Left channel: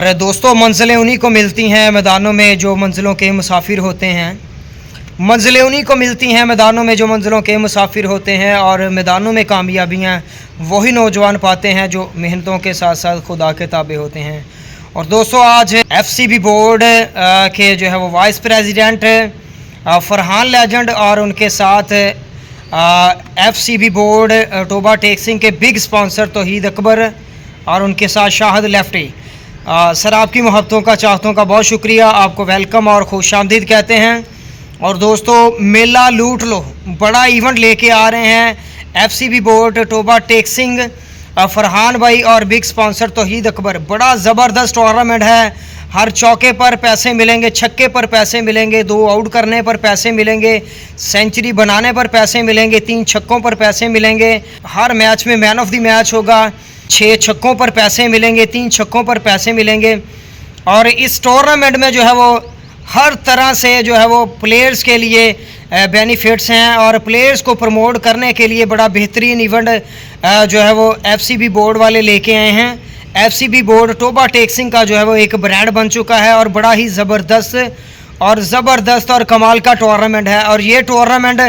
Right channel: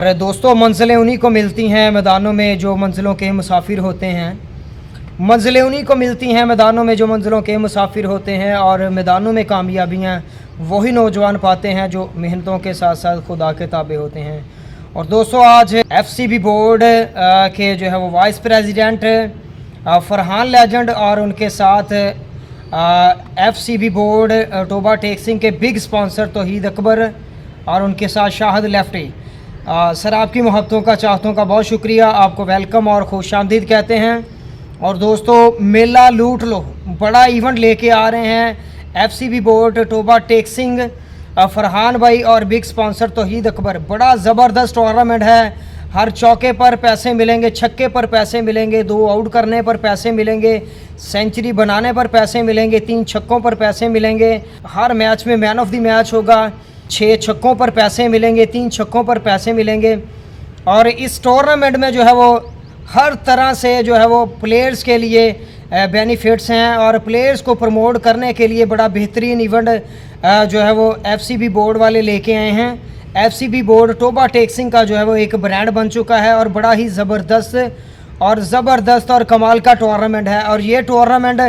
अरे दोस्तों, मंजिलें उन्हीं को मिलती हैं मैदानों में जो मंजिलों के मुसाफिर होते हैं। मंजिलें उन्हीं को मिलती हैं मैदानों में जो मंजिलों के मुसाफिर होते हैं। और मैदानों में कामयाबियाँ वही नौजवान पाते हैं जो मेहनतों के साथ साथ खुदा के ताबे होते हैं। और दोस्तों, आज FCB बोर्ड के जो है वो वाइस प्रेसिडेंट फरहान लेजेंड और उनके साथ FCB बोर्ड टोबा टेक्सिंग के बिग स्पॉन्सर तौहीद अकबर और उनके साथ शाहिद लेफ्टी। सर, आपकी मोहब्बतों का, चाहतों का बहुत शुक्रिया। आपको वेलकम और खुशामदीद कहते हैं। और दोस्तों, मेला लूट लो बड़ा इवेंट लेके आ रहे हैं FCB बोर्ड टोबा टेक्सिंग, फरहान भाई और बिग स्पॉन्सर तौहीद अकबर। बड़ा ज़बरदस्त टूर्नामेंट है। हर चौके पर पैसे मिलेंगे, छक्के पर पैसे मिलेंगे, 2 आउट करने पर पैसे मिलेंगे, सेंचुरी बनाने पर पैसे मिलेंगे, 3 छक्कों पर पैसे मिलेंगे। हर मैच में मैन ऑफ द मैच होगा। 6 छक्कों पर पैसे मिलेंगे, 3 छक्कों पर पैसे मिलेंगे। और इस टूर्नामेंट में जो है वो हर तरह से जो है वो प्लेयर्स के लिए बेनिफिट्स हैं। और प्लेयर्स को प्रमोट करने के लिए बड़ा बेहतरीन इवेंट जो है वो FCB बोर्ड वाले लेके आए हैं। FCB बोर्ड टोबा टेक्सिंग का जो है वो एक ब्रांड बन चुका है और बड़ा ही ज़बरदस्त और कमाल का टूर्नामेंट है। और ये टूर्नामेंट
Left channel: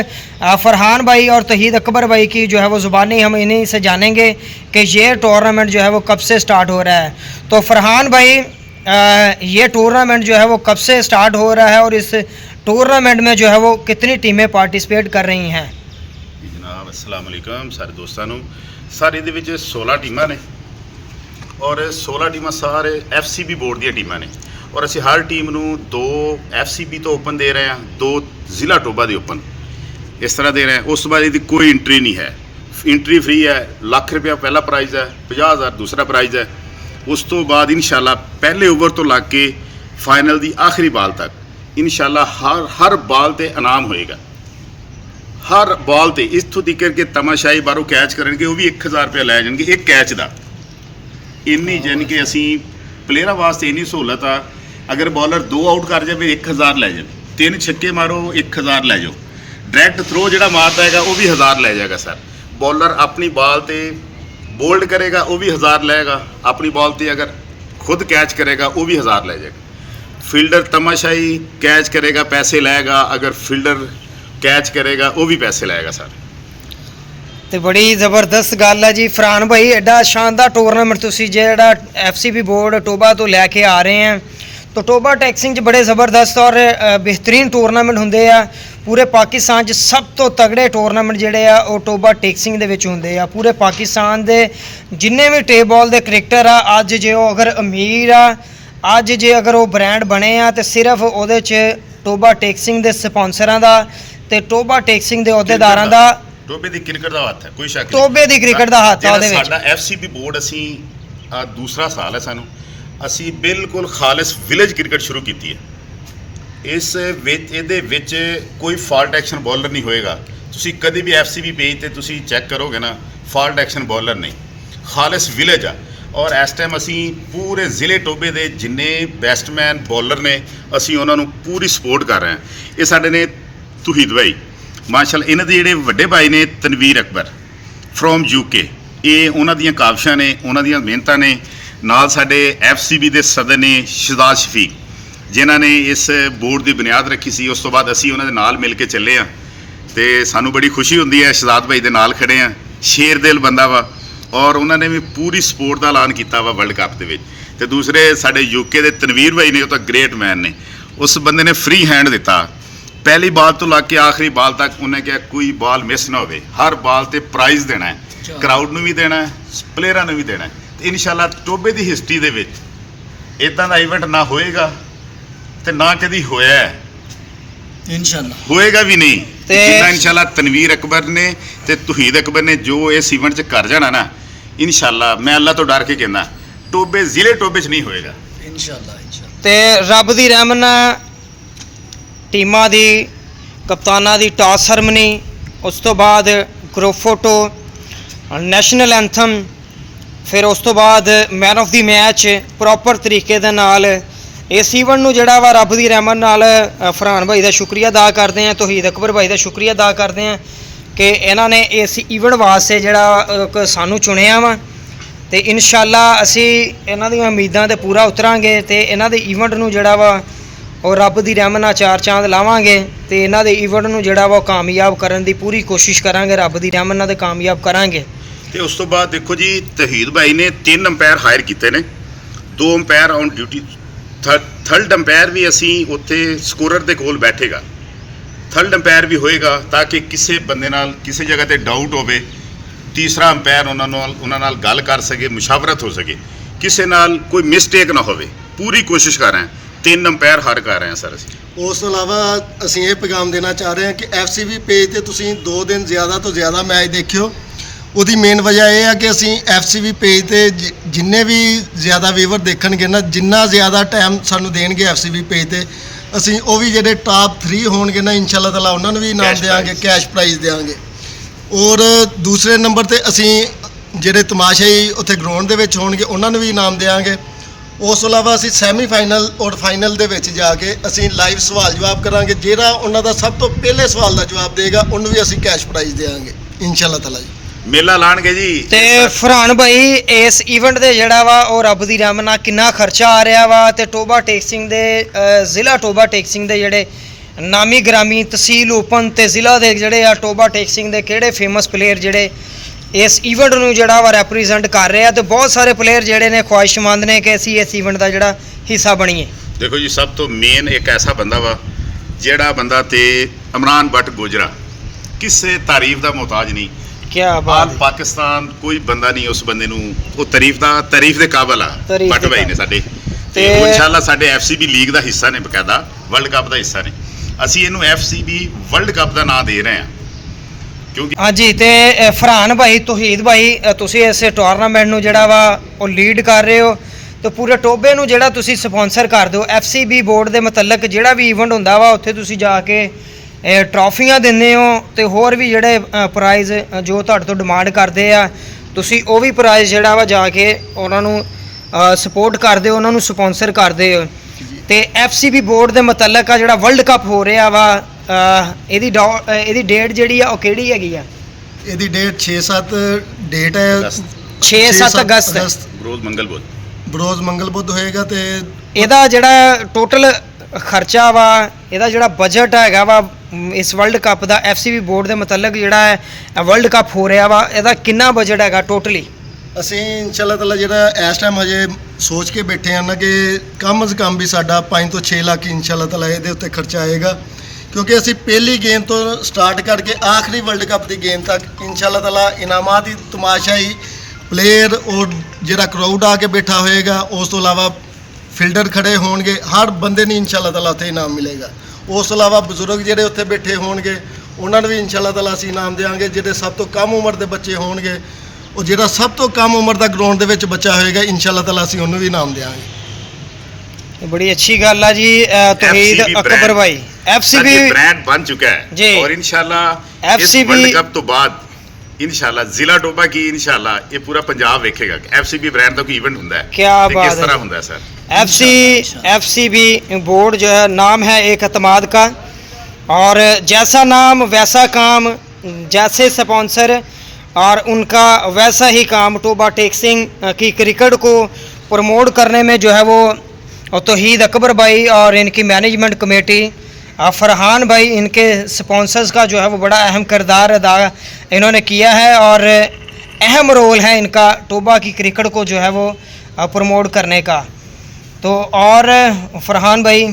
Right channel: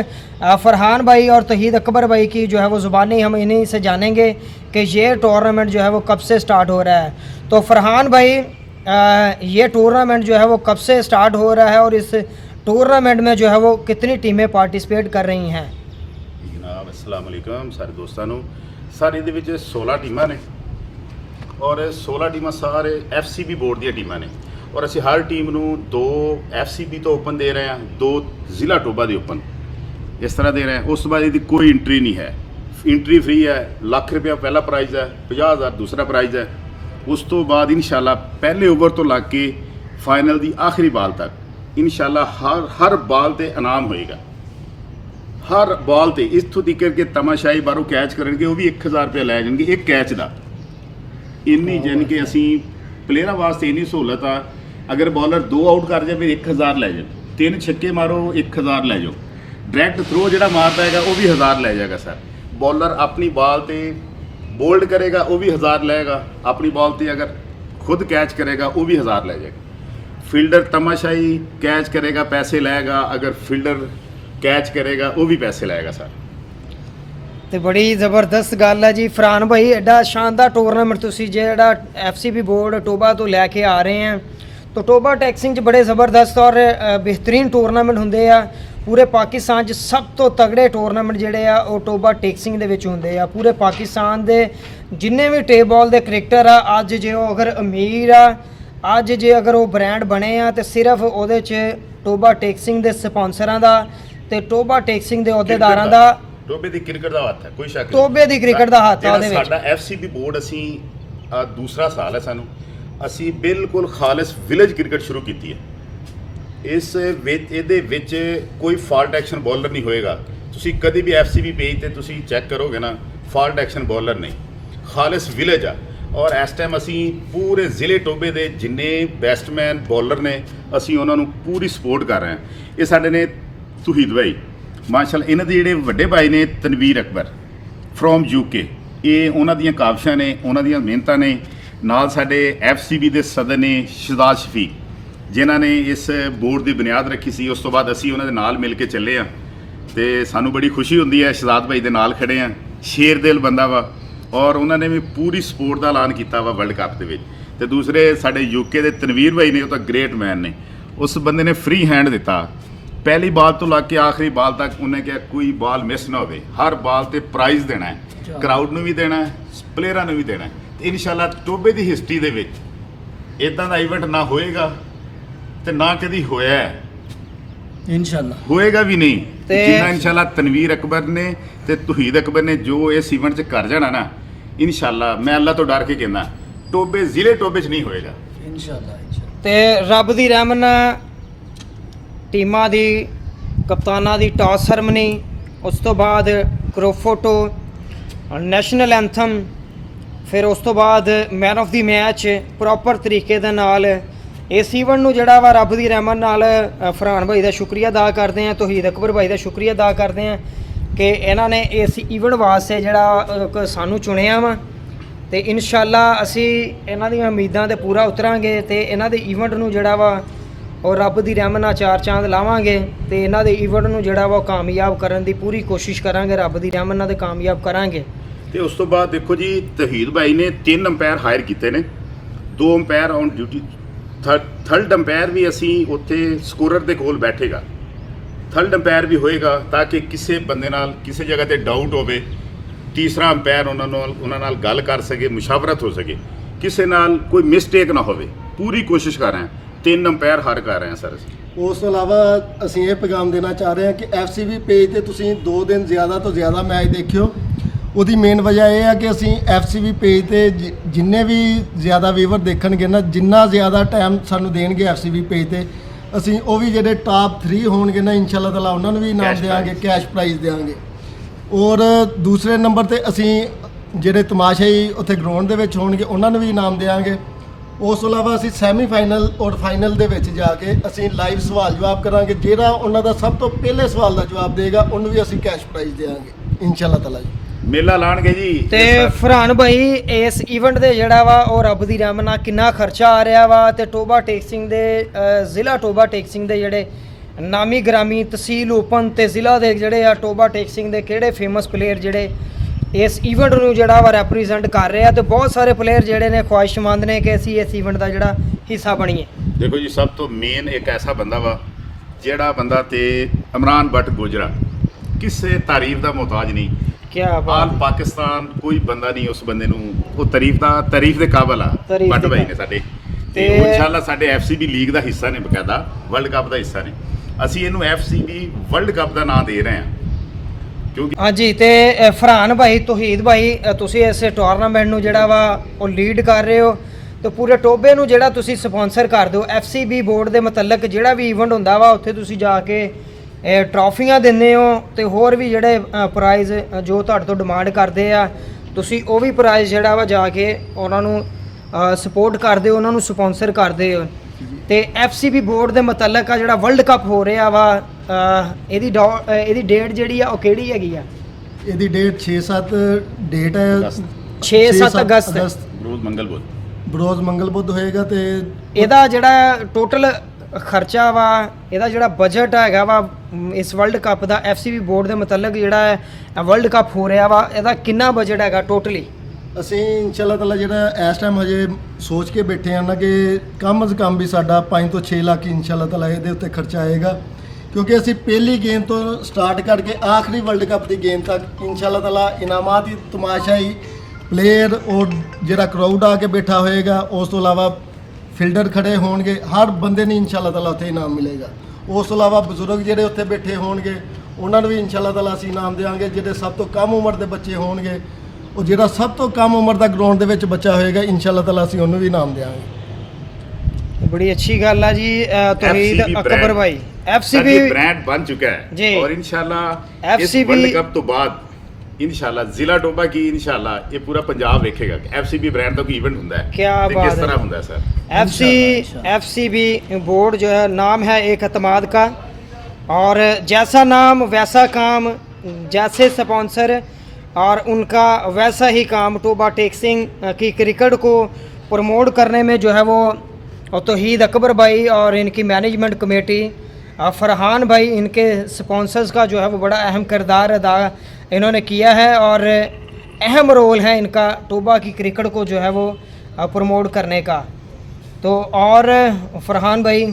फरहान भाई और तौहीद अकबर भाई की जो है वो ज़ुबानी हम इन्हीं से जानेंगे कि ये टूर्नामेंट जो है वो कब से स्टार्ट हो रहा है। तो फरहान भाई, ये टूर्नामेंट जो है वो कब से स्टार्ट हो रहा है और इस टूर्नामेंट में जो है वो कितनी टीमें पार्टिसिपेट कर रही हैं? जनाब, अस्सलाम वालेकुम सारे दोस्तों ਨੂੰ। सर, ਇਹਦੇ ਵਿੱਚ 16 ਟੀਮਾਂ ਨੇ ਔਰ 16 ਟੀਮਾਂ ਸਾਰੇ FCB ਬੋਰਡ ਦੀਆਂ ਟੀਮਾਂ ਨੇ। ਔਰ ਅਸੀਂ ਹਰ ਟੀਮ ਨੂੰ 2 FCB ਤੋਂ ਓਪਨ ਦੇ ਰਹੇ ਹਾਂ, 2 ਜ਼ਿਲ੍ਹਾ ਟੋਬਾ ਦੇ ਓਪਨ ਇਸ ਤਰ੍ਹਾਂ ਦੇ ਰਹੇ ਹਾਂ। ਉਸ ਤੋਂ ਬਾਅਦ ਇਹਦੀ ਕੋਈ ਐਂਟਰੀ ਨਹੀਂ ਹੈ, ਐਂਟਰੀ ਫ੍ਰੀ ਹੈ। ਲੱਖ ਰੁਪਇਆ ਪਹਿਲਾ ਪ੍ਰਾਈਜ਼ ਹੈ, 50,000 ਦੂਸਰਾ ਪ੍ਰਾਈਜ਼ ਹੈ। ਉਸ ਤੋਂ ਬਾਅਦ ਇਨਸ਼ਾਅੱਲਾ ਪਹਿਲੇ ਓਵਰ ਤੋਂ ਲੱਗ ਕੇ ਫਾਈਨਲ ਦੀ ਆਖਰੀ ਬਾਲ ਤੱਕ ਇਨਸ਼ਾਅੱਲਾ ਹਰ ਬਾਲ ਤੇ ਇਨਾਮ ਹੋਏਗਾ। ਹਰ ਬਾਲ ਤੇ ਇੱਥੋਂ ਤੱਕ ਕਿ ਤਮਾਸ਼ਾਈ ਬਾਹਰੋਂ ਕੈਚ ਕਰਨਗੇ ਉਹ ਵੀ 1000 ਰੁਪਇਆ ਲੈ ਜਾਣਗੇ ਇੱਕ ਕੈਚ ਦਾ। ਇੰਨੀ ਜਾਣੀ ਕਿ ਅਸੀਂ ਪਲੇਅਰਾਂ ਵਾਸਤੇ ਇੰਨੀ ਸਹੂਲਤ ਆ। ਅਗਰ ਬੋਲਰ 2 ਆਊਟ ਕਰ ਜਾਵੇ 1000 ਲੈ ਜਾਵੇ, 3 ਛੱਕੇ ਮਾਰੋ 1000 ਲੈ ਜਾਓ, ਡਾਇਰੈਕਟ ਥਰੋ ਜਿਹੜਾ ਮਾਰਦਾ ਹੈਗਾ ਉਹ ਵੀ 1000 ਲੈ ਜਾਏਗਾ। ਸਰ, ਬੋਲਰ ਆਪਣੀ ਬਾਲ ਤੇ बोल्ड करेगा वो भी 1000 लेगा, अपनी बॉल पे अगर खुद कैच करेगा वो भी 1000 ले जाएगा। फील्डर तमाशाई कैच करेगा पैसे लेगा, अगर फील्डर कैच करेगा वो भी पैसे लेगा। सर, तो बड़ी ज़बरदस्त गल है जी। फरहान भाई, एडा शानदार टूर्नामेंट तुसी जेड़ा FCB बोर्ड टोबा तो लैके आ रहे हैं, तो टोबा टैक्सिंग च बड़े ज़बरदस्त और बेहतरीन टूर्नामेंट होंदे आ। पूरे पाकिस्तान च सब तो तगड़े टूर्नामेंट जेड़े आ वो टोबा टेक्सिंग दे विच हुंदे आ। पूरे पाकिस्तान दे जिन्ने भी टेप बॉल दे क्रिकेटर आ, अज जे वो अगर अमीर आ, अज जे अगर वो ब्रांड बने आ तो सिर्फ ओहदे च टोबा टेक्सिंग दे स्पॉन्सरां दा ते टोबा टेक्सिंग दे अहुदेदारां दा, टोबे दी क्रिकेट दा हत्थ है, कोई शक नहीं। टोबे दी क्रिकेट दा हत्थ आ ओहदे विच। साडा FCB बोर्ड असीं दूसरा साल है सानू, ਅਸੀਂ ਬਿਲਕੁਲ ਖਾਲਿਸ ਵਿਲੇਜ ਕ੍ਰਿਕਟ ਸ਼ੁਰੂ ਕੀਤੀ ਹੈ। ਇਸ ਵਿੱਚ ਇਹਦੇ ਵਿੱਚ ਕੋਈ ਫਾਲਟ ਐਕਸ਼ਨ ਬੋਲਰ ਨਹੀਂ ਹੋਏਗਾ। ਤੁਸੀਂ ਕਦੇ ਵੀ FCB ਪੇਜ ਤੇ ਤੁਸੀਂ ਚੈੱਕ ਕਰੋਗੇ ਨਾ, ਫਾਲਟ ਐਕਸ਼ਨ ਬੋਲਰ ਨਹੀਂ, ਖਾਲਿਸ ਵਿਲੇਜ ਆ। ਔਰ ਇਸ ਟਾਈਮ ਅਸੀਂ ਪੂਰੇ ਜ਼ਿਲ੍ਹੇ ਟੋਬੇ ਦੇ ਜਿੰਨੇ ਬੈਸਟਮੈਨ ਬੋਲਰ ਨੇ ਅਸੀਂ ਉਹਨਾਂ ਨੂੰ ਪੂਰੀ ਸਪੋਰਟ ਕਰ ਰਹੇ ਹਾਂ। ਇਹ ਸਾਡੇ ਨੇ ਤੌਹੀਦ ਭਾਈ, ਮਾਸ਼ਾਅੱਲਾ। ਇਹਨਾਂ ਦੇ ਜਿਹੜੇ ਵੱਡੇ ਭਾਈ ਨੇ ਤਨਵੀਰ ਅਕਬਰ ਫਰੋਮ UK, ਇਹ ਉਹਨਾਂ ਦੀਆਂ ਕਾਬਸ਼ਾਂ ਨੇ, ਉਹਨਾਂ ਦੀਆਂ ਮਿਹਨਤਾਂ ਨੇ। ਨਾਲ ਸਾਡੇ FCB ਦੇ ਸਦਰ ਨੇ ਸ਼ਹਜ਼ਾਦ ਸ਼ਫੀਕ, ਜਿਨ੍ਹਾਂ ਨੇ ਇਸ ਬੋਰਡ ਦੀ ਬੁਨਿਆਦ ਰੱਖੀ ਸੀ। ਉਸ ਤੋਂ ਬਾਅਦ ਅਸੀਂ ਉਹਨਾਂ ਦੇ ਨਾਲ ਮਿਲ ਕੇ ਚੱਲੇ ਹਾਂ ਅਤੇ ਸਾਨੂੰ ਬੜੀ ਖੁਸ਼ੀ ਹੁੰਦੀ ਹੈ। ਸ਼ਹਜ਼ਾਦ ਭਾਈ ਦੇ ਨਾਲ ਖੜ੍ਹੇ ਹਾਂ, ਸ਼ੇਰ ਦਿਲ ਬੰਦਾ ਵਾ। ਔਰ ਉਹਨਾਂ ਨੇ ਵੀ ਪੂਰੀ ਸਪੋਰਟ ਦਾ ਐਲਾਨ ਕੀਤਾ ਵਾ ਵਰਲਡ ਕੱਪ ਦੇ ਵਿੱਚ। ਅਤੇ ਦੂਸਰੇ ਸਾਡੇ UK ਦੇ ਤਨਵੀਰ ਭਾਈ ਨੇ, ਉਹ ਤਾਂ ਗ੍ਰੇਟ ਮੈਨ ਨੇ। ਉਸ ਬੰਦੇ ਨੇ ਫ੍ਰੀ ਹੈਂਡ ਦਿੱਤਾ, ਪਹਿਲੀ ਬਾਲ ਤੋਂ ਲੱਗ ਕੇ ਆਖਰੀ ਬਾਲ ਤੱਕ। ਉਹਨੇ ਕਿਹਾ ਕੋਈ ਬਾਲ ਮਿਸ ਨਾ ਹੋਵੇ, ਹਰ ਬਾਲ 'ਤੇ ਪ੍ਰਾਈਜ਼ ਦੇਣਾ ਹੈ, ਕਰਾਊਡ ਨੂੰ ਵੀ ਦੇਣਾ ਹੈ, ਪਲੇਅਰਾਂ ਨੂੰ ਵੀ ਦੇਣਾ ਹੈ। ਇਨਸ਼ਾਅੱਲਾ ਟੋਬੇ ਦੀ ਹਿਸਟਰੀ ਦੇ ਵਿੱਚ ਇਦਾਂ ਦਾ ਇਵੈਂਟ ਨਾ ਹੋਏਗਾ ਤੇ ਨਾ ਕਦੀ ਹੋਇਆ ਹੈ, ਇਨਸ਼ਾਅੱਲਾ ਹੋਏਗਾ ਵੀ ਨਹੀਂ। ਜਿੰਨਾ ਇਨਸ਼ਾਅੱਲਾ ਤਨਵੀਰ ਅਕਬਰ ਨੇ ਤੇ ਤੌਹੀਦ ਅਕਬਰ ਨੇ ਜੋ ਇਸ ਇਵੈਂਟ 'ਚ ਕਰ ਜਾਣਾ ਨਾ, ਇਨਸ਼ਾਅੱਲਾ ਮੈਂ ਅੱਲਾ ਤੋਂ ਡਰ ਕੇ ਕਹਿੰਦਾ ਟੋਬੇ ਜ਼ਿਲ੍ਹੇ ਟੋਬੇ 'ਚ ਨਹੀਂ ਹੋਏਗਾ, ਇਨਸ਼ਾਅੱਲਾ। ਤੇ ਰੱਬ ਦੀ ਰਹਿਮਤ ਨਾਲ ਟੀਮਾਂ ਦੀ ਕਪਤਾਨਾਂ ਦੀ ਟਾਸ ਸੈਰਮਨੀ, ਉਸ ਤੋਂ ਬਾਅਦ ਗਰੁੱਪ ਫੋਟੋ, ਨੈਸ਼ਨਲ ਐਂਥਮ, ਫਿਰ ਉਸ ਤੋਂ ਬਾਅਦ man of the match proper ਤਰੀਕੇ ਦੇ ਨਾਲ ਇਸ ਇਵੈਂਟ ਨੂੰ ਜਿਹੜਾ ਵਾ ਰੱਬ ਦੀ ਰਹਿਮਤ ਨਾਲ ਫਰਹਾਨ ਭਾਈ ਦਾ ਸ਼ੁਕਰੀਆ ਅਦਾ ਕਰਦੇ ਹਾਂ, ਤੌਹੀਦ ਅਕਬਰ ਭਾਈ ਦਾ ਸ਼ੁਕਰੀਆ ਅਦਾ ਕਰਦੇ ਹਾਂ ਕਿ ਇਹਨਾਂ ਨੇ ਇਸ ਇਵੈਂਟ ਵਾਸਤੇ ਜਿਹੜਾ ਸਾਨੂੰ ਚੁਣਿਆ ਵਾ। ਤੇ ਇਨਸ਼ਾਅੱਲਾ ਅਸੀਂ ਇਹਨਾਂ ਦੀਆਂ ਉਮੀਦਾਂ ਤੇ ਪੂਰਾ ਉਤਰਾਂਗੇ ਤੇ ਇਹਨਾਂ ਦੇ ਈਵੈਂਟ ਨੂੰ ਜਿਹੜਾ ਵਾ ਉਹ ਰੱਬ ਦੀ ਰਹਿਮਤ ਨਾਲ ਚਾਰ ਚਾਂਦ ਲਾਵਾਂਗੇ ਤੇ ਇਹਨਾਂ ਦੇ ਈਵੈਂਟ ਨੂੰ ਜਿਹੜਾ ਵਾ ਉਹ ਕਾਮਯਾਬ ਕਰਨ ਦੀ ਪੂਰੀ ਕੋਸ਼ਿਸ਼ ਕਰਾਂਗੇ, ਰੱਬ ਦੀ ਰਹਿਮਤ ਨਾਲ ਤੇ ਕਾਮਯਾਬ ਕਰਾਂਗੇ। ਤੇ ਉਸ ਤੋਂ ਬਾਅਦ ਦੇਖੋ ਜੀ, ਤਹੀਦ ਭਾਈ ਨੇ 3 ਅੰਪਾਇਰ ਹਾਇਰ ਕੀਤੇ ਨੇ, 2 umpire on duty, third umpire ਵੀ ਅਸੀਂ ਉੱਥੇ ਸਕੋਰਰ ਦੇ ਕੋਲ ਬੈਠੇਗਾ, ਥਰਡ ਅੰਪਾਇਰ ਵੀ ਹੋਏਗਾ ਤਾਂ ਕਿ ਕਿਸੇ ਬੰਦੇ ਨਾਲ ਕਿਸੇ ਜਗ੍ਹਾ ਤੇ ਡਾਊਟ ਹੋਵੇ, ਤੀਸਰਾ ਅੰਪਾਇਰ ਉਹਨਾਂ ਨਾਲ ਗੱਲ ਕਰ ਸਕੇ, ਮੁਸ਼ਾਵਰਤ ਹੋ ਸਕੇ, ਕਿਸੇ ਨਾਲ ਕੋਈ ਮਿਸਟੇਕ ਨਾ ਹੋਵੇ। ਪੂਰੀ ਕੋਸ਼ਿਸ਼ ਕਰ ਰਹੇ ਹਾਂ, 3 ਅੰਪਾਇਰ ਹਾਇਰ ਕਰ ਰਹੇ ਹਾਂ ਸਰ ਅਸੀਂ। ਉਸ ਤੋਂ ਇਲਾਵਾ ਅਸੀਂ ਇਹ ਪੈਗਾਮ ਦੇਣਾ ਚਾਹ ਰਹੇ ਹਾਂ ਕਿ FCB ਪੇਜ ਤੇ ਤੁਸੀਂ 2 ਦਿਨ ਜ਼ਿਆਦਾ ਤੋਂ ਜ਼ਿਆਦਾ ਮੈਚ ਦੇਖਿਓ। ਉਹਦੀ ਮੇਨ ਵਜ੍ਹਾ ਇਹ ਆ ਕਿ ਅਸੀਂ FCB ਪੇਜ ਤੇ ਜਿੰਨੇ ਵੀ ਜ਼ਿਆਦਾ ਵੀਵਰ ਦੇਖਣਗੇ ਨਾ, ਜਿੰਨਾ ਜ਼ਿਆਦਾ ਟਾਈਮ ਸਾਨੂੰ ਦੇਣਗੇ FCB ਪੇਜ ਤੇ, ਅਸੀਂ ਉਹ ਵੀ ਜਿਹੜੇ ਟਾਪ 3 ਹੋਣਗੇ ਨਾ ਇਨਸ਼ਾਅੱਲਾ ਤਾਲਾ ਉਹਨਾਂ ਨੂੰ ਵੀ ਇਨਾਮ ਦੇਵਾਂਗੇ, ਕੈਸ਼ ਪ੍ਰਾਈਜ਼ ਦੇਵਾਂਗੇ। ਔਰ ਦੂਸਰੇ ਨੰਬਰ ਤੇ ਅਸੀਂ ਜਿਹੜੇ ਤਮਾਸ਼ਾਈ ਉੱਥੇ ਗਰਾਊਂਡ ਦੇ ਵਿੱਚ ਹੋਣਗੇ ਉਹਨਾਂ ਨੂੰ ਵੀ ਇਨਾਮ ਦੇਵਾਂਗੇ। ਉਸ ਤੋਂ ਇਲਾਵਾ ਅਸੀਂ ਸੈਮੀਫਾਈਨਲ ਔਰ ਫਾਈਨਲ ਦੇ ਵਿੱਚ ਜਾ ਕੇ ਅਸੀਂ ਲਾਈਵ ਸਵਾਲ ਜਵਾਬ ਕਰਾਂਗੇ। ਜਿਹੜਾ ਉਹਨਾਂ ਦਾ ਸਭ ਤੋਂ ਪਹਿਲੇ ਸਵਾਲ ਦਾ ਜਵਾਬ ਦੇਗਾ ਉਹਨੂੰ ਵੀ ਅਸੀਂ ਕੈਸ਼ ਪ੍ਰਾਈਜ਼ ਦੇਵਾਂਗੇ ਇਨਸ਼ਾਅੱਲਾ ਤਾਲਾ ਜੀ। ਮੇਲਾ ਲਾਣਗੇ ਜੀ। ਤੇ ਫਰਹਾਨ ਭਾਈ ਇਸ ਈਵੈਂਟ ਦੇ ਜਿਹੜਾ ਵਾ ਉਹ ਰੱਬ ਦੀ ਰਹਿਮਤ ਨਾਲ ਕਿੰਨਾ ਖਰਚਾ ਆ ਰਿਹਾ ਵਾ ਤੇ ਟੋਬਾ ਟੇਕਸਿੰਗ ਦੇ ਜ਼ਿਲ੍ਹਾ ਟੋਬਾ ਟੇਕਸਿੰਗ ਦੇ ਜਿਹੜੇ ਨਾਮੀ ਗ੍ਰਾਮੀ ਤਹਿਸੀਲ ਓਪਨ ਤੇ ਜ਼ਿਲ੍ਹਾ ਦੇ ਜਿਹੜੇ ਆ ਟੋਬਾ ਟੇਕਸਿੰਗ ਦੇ ਕਿਹੜੇ ਫੇਮਸ ਪਲੇਅਰ ਜਿਹੜੇ ਇਸ ਈਵੈਂਟ ਨੂੰ ਜਿਹੜਾ ਵਾ ਰੈਪਰੈਜ਼ੈਂਟ ਕਰ ਰਹੇ ਆ ਤੇ ਬਹੁਤ ਸਾਰੇ ਪਲੇਅਰ ਜਿਹੜੇ ਨੇ ਖੁਆਇਸ਼ਮੰਦ ਨੇ ਕਿ ਅਸੀਂ ਇਸ ਈਵੈਂਟ ਦਾ ਜਿਹੜਾ ਹਿੱਸਾ ਬਣੀਏ। ਦੇਖੋ ਜੀ, ਸਭ ਤੋਂ ਮੇਨ ਇੱਕ ਐਸਾ ਬੰਦਾ ਵਾ ਜਿਹੜਾ ਬੰਦਾ ਤੇ ਇਮਰਾਨ ਬੱਟ ਗੁਜਰਾ ਕਿਸੇ ਤਾਰੀਫ ਦਾ ਮੁਹਤਾਜ ਨਹੀਂ। ਕਿਆ ਆਲ ਬਾਤ। ਪਾਕਿਸਤਾਨ ਕੋਈ ਬੰਦਾ ਨਹੀਂ ਉਸ ਬੰਦੇ ਨੂੰ ਉਹ ਤਾਰੀਫ ਦੇ ਕਾਬਲ ਆ। ਬੱਟ ਭਾਈ ਨੇ ਸਾਡੇ ਤੇ ਉਹ ਇਨਸ਼ਾਅੱਲਾ ਸਾਡੇ FCB ਲੀਗ ਦਾ ਹਿੱਸਾ ਨੇ, ਬਕਾਇਦਾ ਵਰਲਡ ਕੱਪ ਦਾ ਹਿੱਸਾ ਨੇ। ਅਸੀਂ ਇਹਨੂੰ FCB ਵਰਲਡ ਕੱਪ ਦਾ ਨਾਂ ਦੇ ਰਹੇ ਹਾਂ ਕਿਉਂਕਿ ਹਾਂਜੀ। ਤੇ ਫਰਹਾਨ ਭਾਈ, ਤੌਹੀਦ ਭਾਈ, ਤੁਸੀਂ ਇਸ ਟੂਰਨਾਮੈਂਟ ਨੂੰ ਜਿਹੜਾ ਵਾ ਉਹ ਲੀਡ ਕਰ ਰਹੇ ਹੋ ਤੇ ਪੂਰੇ ਟੋਬੇ ਨੂੰ ਜਿਹੜਾ ਤੁਸੀਂ ਸਪਾਂਸਰ ਕਰ ਦਿਓ। FCB ਬੋਰਡ ਦੇ ਮੁਤਲਕ ਜਿਹੜਾ ਵੀ ਈਵੈਂਟ ਹੁੰਦਾ ਵਾ ਉੱਥੇ ਤੁਸੀਂ ਜਾ ਕੇ ਟਰਾਫੀਆਂ ਦਿੰਦੇ ਹੋ ਤੇ ਹੋਰ ਵੀ ਜਿਹੜੇ ਪ੍ਰਾਈਜ਼ ਜੋ ਤੁਹਾਡੇ ਤੋਂ ਡਿਮਾਂਡ ਕਰਦੇ ਆ ਤੁਸੀਂ ਉਹ ਵੀ ਪ੍ਰਾਈਜ਼ ਜਿਹੜਾ ਵਾ ਜਾ ਕੇ ਉਹਨਾਂ ਨੂੰ ਸਪੋਰਟ ਕਰਦੇ ਹੋ, ਉਹਨਾਂ ਨੂੰ ਸਪਾਂਸਰ ਕਰਦੇ ਹੋ। ਤੇ FCB ਬੋਰਡ ਦੇ ਮੁਤਲਕ ਆ ਜਿਹੜਾ ਵਰਲਡ ਕੱਪ ਹੋ ਰਿਹਾ ਵਾ ਇਹਦੀ ਡੇਟ ਜਿਹੜੀ ਆ ਉਹ ਕਿਹੜੀ ਹੈਗੀ ਆ? ਇਹਦੀ ਡੇਟ 6-7 ਡੇਟ ਹੈ, 6-7 ਅਗਸਤ ਬਰੋਜ਼ ਮੰਗਲ ਬੁੱਧ ਹੋਏਗਾ। ਤੇ ਇਹਦਾ ਜਿਹੜਾ ਟੋਟਲ ਖਰਚਾ ਵਾ, ਇਹਦਾ ਜਿਹੜਾ ਬਜਟ ਹੈਗਾ ਵਾ ਇਸ ਵਰਲਡ ਕੱਪ ਦਾ FCB ਬੋਰਡ ਦੇ ਮੁਤਲਕ ਜਿਹੜਾ ਹੈ ਵਰਲਡ ਕੱਪ ਹੋ ਰਿਹਾ ਵਾ, ਇਹਦਾ ਕਿੰਨਾ ਬਜਟ ਹੈਗਾ ਟੋਟਲੀ? ਅਸੀਂ ਇਨਸ਼ਾਅੱਲਾ ਤਾਲਾ ਜਿਹੜਾ ਇਸ ਟਾਈਮ ਹਜੇ ਸੋਚ ਕੇ ਬੈਠੇ ਹਾਂ ਨਾ ਕਿ ਕਮ ਅਜ਼ ਕਮ ਵੀ ਸਾਡਾ 5 ਤੋਂ 6 ਲੱਖ ਇਨਸ਼ਾਅੱਲਾ ਤਾਲਾ ਇਹਦੇ ਉੱਤੇ ਖਰਚਾ ਆਏਗਾ, ਕਿਉਂਕਿ ਅਸੀਂ ਪਹਿਲੀ ਗੇਮ ਤੋਂ ਸਟਾਰਟ ਕਰਕੇ ਆਖਰੀ ਵਰਲਡ ਕੱਪ ਦੀ ਗੇਮ ਤੱਕ ਇਨਸ਼ਾਅੱਲਾ ਤਾਲਾ ਇਨਾਮਾਤ ਦੀ ਤਮਾਸ਼ਾਈ ਪਲੇਅਰ ਔਰ ਜਿਹੜਾ ਕਰਾਊਡ ਆ ਕੇ ਬੈਠਾ ਹੋਏਗਾ, ਉਸ ਤੋਂ ਇਲਾਵਾ ਫੀਲਡਰ ਖੜੇ ਹੋਣਗੇ, ਹਰ ਬੰਦੇ ਨੂੰ ਇਨਸ਼ਾਅੱਲਾ ਤਾਲਾ ਉੱਥੇ ਇਨਾਮ ਮਿਲੇਗਾ। ਉਸ ਤੋਂ ਇਲਾਵਾ ਬਜ਼ੁਰਗ ਜਿਹੜੇ ਉੱਥੇ ਬੈਠੇ ਹੋਣਗੇ ਉਹਨਾਂ ਨੂੰ ਵੀ ਇਨਸ਼ਾਅੱਲਾ ਤਾਲਾ ਅਸੀਂ ਇਨਾਮ ਦੇਵਾਂਗੇ। ਜਿਹੜੇ ਸਭ ਤੋਂ ਕਮ ਉਮਰ ਦੇ ਬੱਚੇ ਹੋਣਗੇ, ਉਹ ਜਿਹੜਾ ਸਭ ਤੋਂ ਕਮ ਉਮਰ ਦਾ ਗਰਾਊਂਡ ਦੇ ਵਿੱਚ ਬੱਚਾ ਹੋਏਗਾ ਇਨਸ਼ਾਅੱਲਾ ਤਾਲਾ ਅਸੀਂ ਉਹਨੂੰ ਵੀ ਇਨਾਮ ਦੇਵਾਂਗੇ। ਬੜੀ ਅੱਛੀ ਗੱਲ ਆ ਜੀ। ਤੌਹੀਦ ਅਕਬਰ ਭਾਈ, FCB ब्रांड बन चुका है जी। और इंशाल्लाह इस FCB वर्ल्ड कप तो बाद इंशाल्लाह जिला टोबा की इंशाल्लाह ये पूरा पंजाब देखेगा कि FCB ब्रांड का कोई इवेंट होता है क्या तो बात किस है। तरह होता है सर? FCB बोर्ड जो है नाम है एक एतमाद का, और जैसा नाम वैसा काम, जैसे स्पॉन्सर और उनका वैसा ही काम। टोबा टेक्सिंग की क्रिकेट को प्रमोट करने में जो है वो तौहीद अकबर भाई और इनकी मैनेजमेंट कमेटी, फरहान भाई, इनके स्पॉन्सर्स का जो है वो बड़ा अहम किरदार अदा इन्होंने किया है और अहम रोल है इनका टोबा की क्रिकेट को जो है वो प्रमोट करने का। तो और फरहान भाई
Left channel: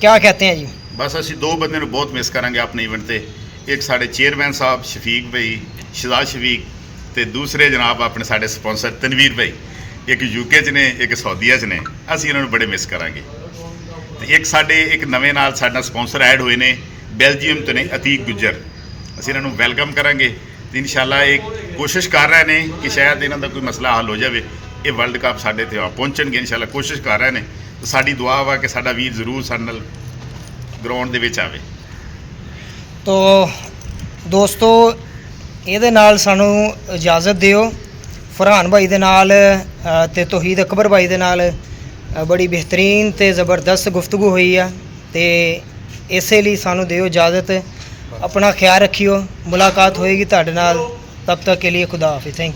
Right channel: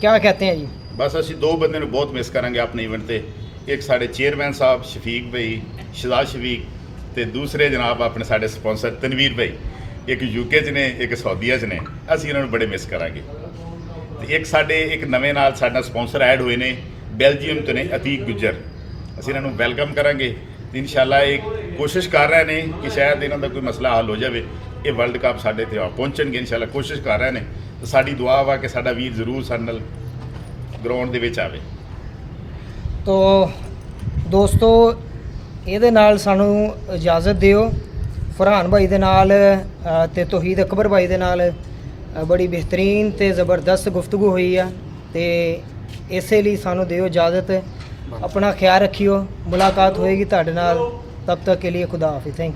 क्या कहते हैं जी? बस ਅਸੀਂ ਦੋ ਬੰਦੇ ਨੂੰ ਬਹੁਤ ਮਿਸ ਕਰਾਂਗੇ ਆਪਣੇ ਇਵੈਂਟ ਤੇ। ਇੱਕ ਸਾਡੇ ਚੇਅਰਮੈਨ ਸਾਹਿਬ ਸ਼ਫੀਕ ਭਾਈ, ਸ਼ਹਜ਼ਾਦ ਸ਼ਫੀਕ, ਤੇ ਦੂਸਰੇ ਜਨਾਬ ਆਪਣੇ ਸਾਡੇ ਸਪਾਂਸਰ ਤਨਵੀਰ ਭਾਈ, ਇੱਕ UK 'ਚ ਨੇ, ਇੱਕ ਸਾਊਦੀਆ 'ਚ ਨੇ। ਅਸੀਂ ਇਹਨਾਂ ਨੂੰ ਬੜੇ ਮਿਸ ਕਰਾਂਗੇ। ਤੇ ਇੱਕ ਸਾਡੇ ਇੱਕ ਨਵੇਂ ਨਾਲ ਸਾਡਾ ਸਪਾਂਸਰ ਐਡ ਹੋਏ ਨੇ ਬੈਲਜੀਅਮ ਤੋਂ ਨੇ, ਅਤੀਕ ਗੁੱਜਰ। ਅਸੀਂ ਇਹਨਾਂ ਨੂੰ ਵੈਲਕਮ ਕਰਾਂਗੇ ਤੇ ਇਨਸ਼ਾਅੱਲਾ ਇੱਕ ਕੋਸ਼ਿਸ਼ ਕਰ ਰਹੇ ਨੇ ਕਿ ਸ਼ਾਇਦ ਇਹਨਾਂ ਦਾ ਕੋਈ ਮਸਲਾ ਹੱਲ ਹੋ ਜਾਵੇ। ਇਹ ਵਰਲਡ ਕੱਪ ਸਾਡੇ ਤੇ ਪਹੁੰਚਣਗੇ ਇਨਸ਼ਾਅੱਲਾ, ਕੋਸ਼ਿਸ਼ ਕਰ ਰਹੇ ਨੇ। ਤੇ ਸਾਡੀ ਦੁਆ ਵਾ ਕਿ ਸਾਡਾ ਵੀਰ ਜ਼ਰੂਰ ਸਾਡੇ ਨਾਲ ਗਰਾਊਂਡ ਦੇ ਵਿੱਚ ਆਵੇ। ਤੋ ਦੋਸਤੋ, ਇਹਦੇ ਨਾਲ ਸਾਨੂੰ ਇਜਾਜ਼ਤ ਦਿਓ। ਫਰਹਾਨ ਭਾਈ ਦੇ ਨਾਲ ਤੇ ਤੌਹੀਦ ਅਕਬਰ ਭਾਈ ਦੇ ਨਾਲ ਬੜੀ ਬਿਹਤਰੀਨ ਤੇ ਜ਼ਬਰਦਸਤ ਗੁਫ਼ਤਗੂ ਹੋਈ ਆ ਤੇ ਇਸੇ ਲਈ ਸਾਨੂੰ ਦਿਓ ਇਜਾਜ਼ਤ। ਆਪਣਾ ਖਿਆਲ ਰੱਖਿਓ, ਮੁਲਾਕਾਤ ਹੋਏਗੀ ਤੁਹਾਡੇ ਨਾਲ। ਤਬ ਤੱਕ ਕੇ ਲਈ ਖੁਦਾ ਹਾਫਿਜ਼। ਥੈਂਕ